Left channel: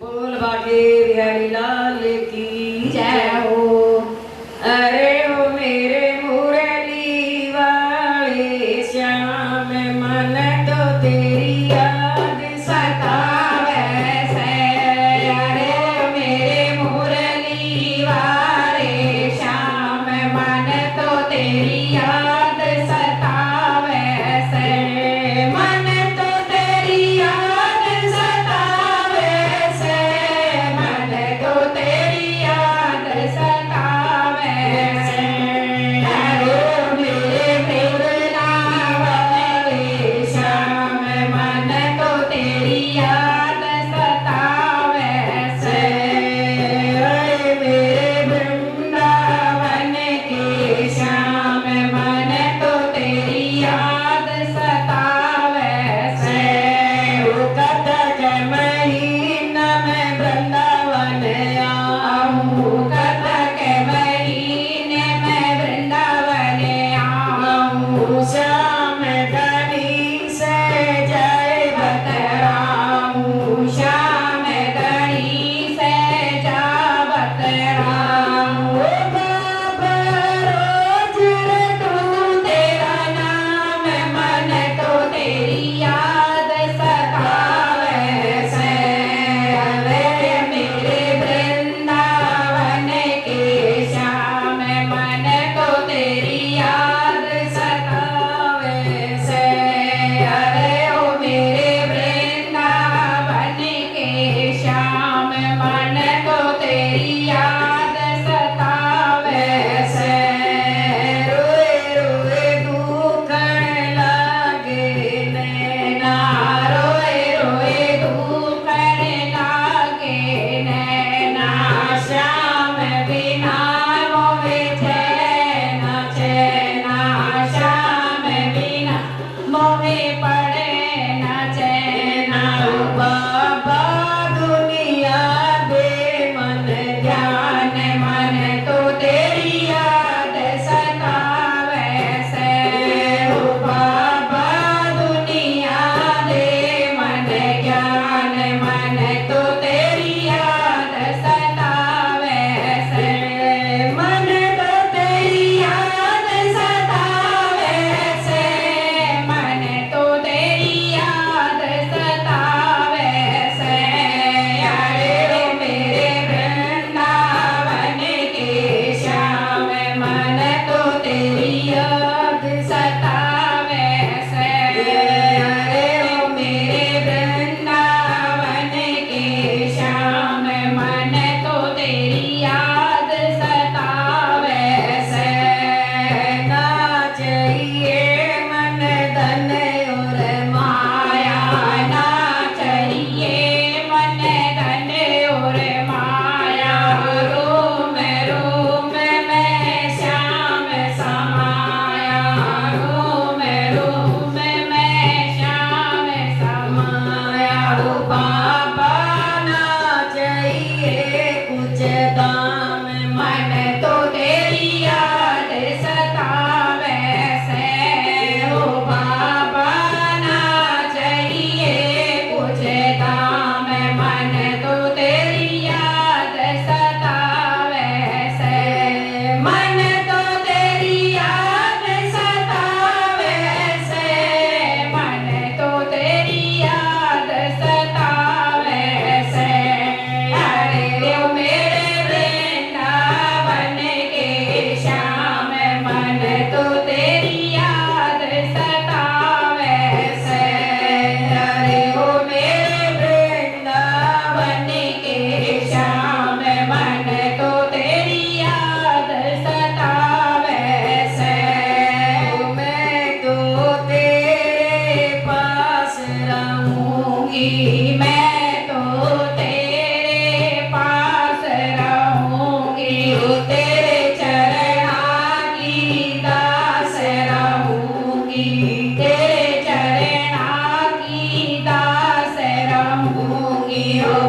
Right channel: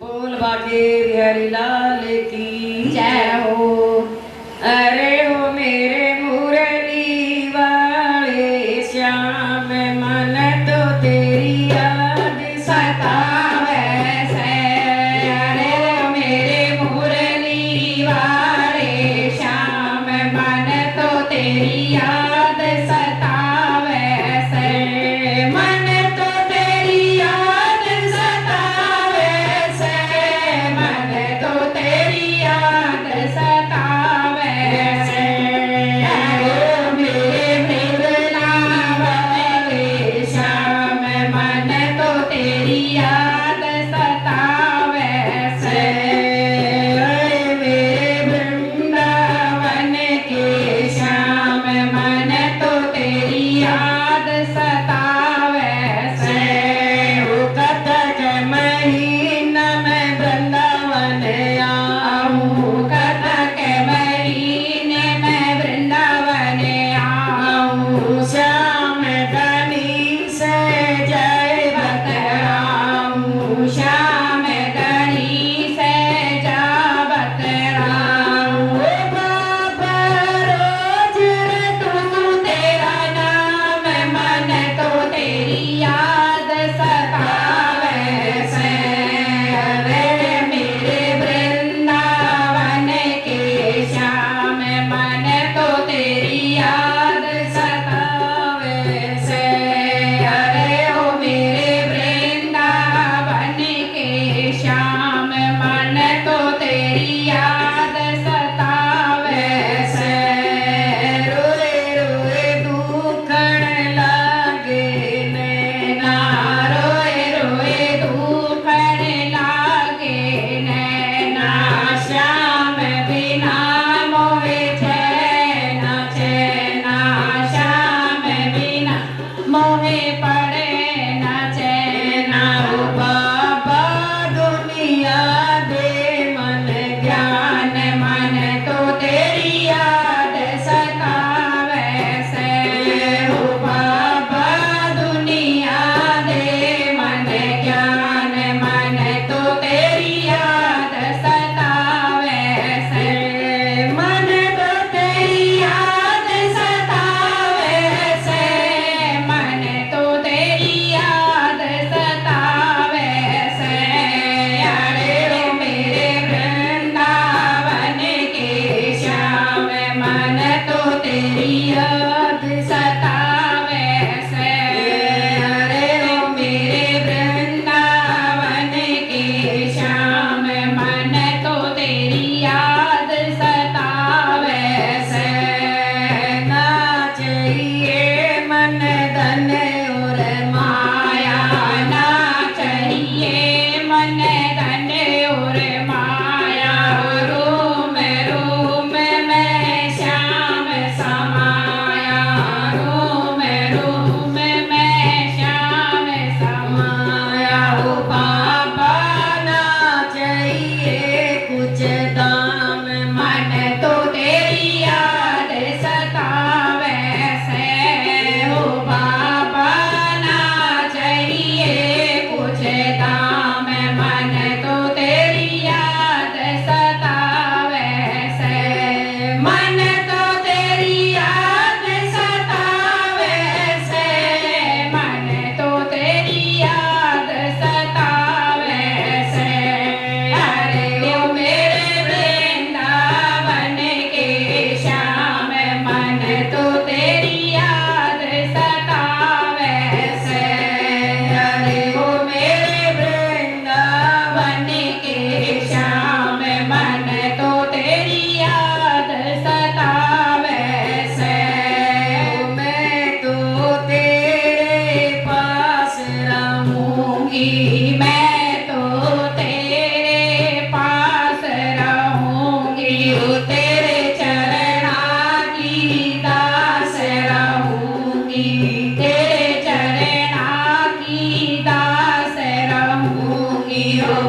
बोल बाटे बिहारी लाल की जय हो। अरे हो मेरे मुरली वाले श्याम, मन तो तेरी याद सतावे से। अरे हो मेरे मुरली वाले श्याम, मन तो तेरी याद सतावे से। मन तो तेरी याद सतावे से, मन तो तेरी याद सतावे से। अरे मेरे वृंदावन श्याम, मन तो तेरी याद सतावे से। अरे मेरे वृंदावन के श्याम, मन तो तेरी याद सतावे से। वो कतक महीना में वृंदावन आऊं, कतक महीने में वृंदावन आऊं। श्याम धनी से जय बतराऊं, श्याम धनी से जा बतराऊं। बाबा रोज रटूं तेरा नाम, मन तो तेरी याद सतावे से। अरे मेरे वृंदावन के श्याम, मन तो तेरी याद सतावे से। अरे ओ मेरे वृंदावन के श्याम, मन तो तेरी याद सतावे से। रोए रोए दुखन लागे नैना, रोए रोए दुखन लागे नैना। श्याम बिना मोहे चैन चैना, श्याम बिना मोहे पड़े न चैना। बाबा दुनिया दे मन ज्ञान, मन तो तेरी याद सतावे से। ओ बाबा दुनिया दे मन ज्ञान, मन तो तेरी याद सतावे से। मन तो तेरी याद सतावे से, मन तो तेरी याद सतावे से। अरे ओ मेरे वृंदावन के श्याम, मन तो तेरी याद सतावे से। अरे ओ मेरे वृंदावन के श्याम, मन तो तेरी याद सतावे से। नाचिए मन धन और माया, नाचिए मन धन और माया। रोम रोम में श्याम समाया, रोम रोम में श्याम समाया। ओ बाबा नाचिए कुछ दाम, मन तो तेरी याद सतावे से। ओ बाबा नाचिए कुछ दाम, मन तो तेरी याद सतावे से। मन तो तेरी याद सतावे से, मन तो तेरी याद सतावे से। अरे ओ मेरे वृंदावन के श्याम, मन तो तेरी याद सतावे से। अरे ओ मेरे वृंदावन के श्याम, मन तो तेरी याद सतावे से। ओ मैं तो तेरे पास रहूंगी, मैं तो तेरे पास रहूंगी। ओ तेरे चरणा की दास रहूंगी, तेरे चरणा की दास रहूंगी। ओ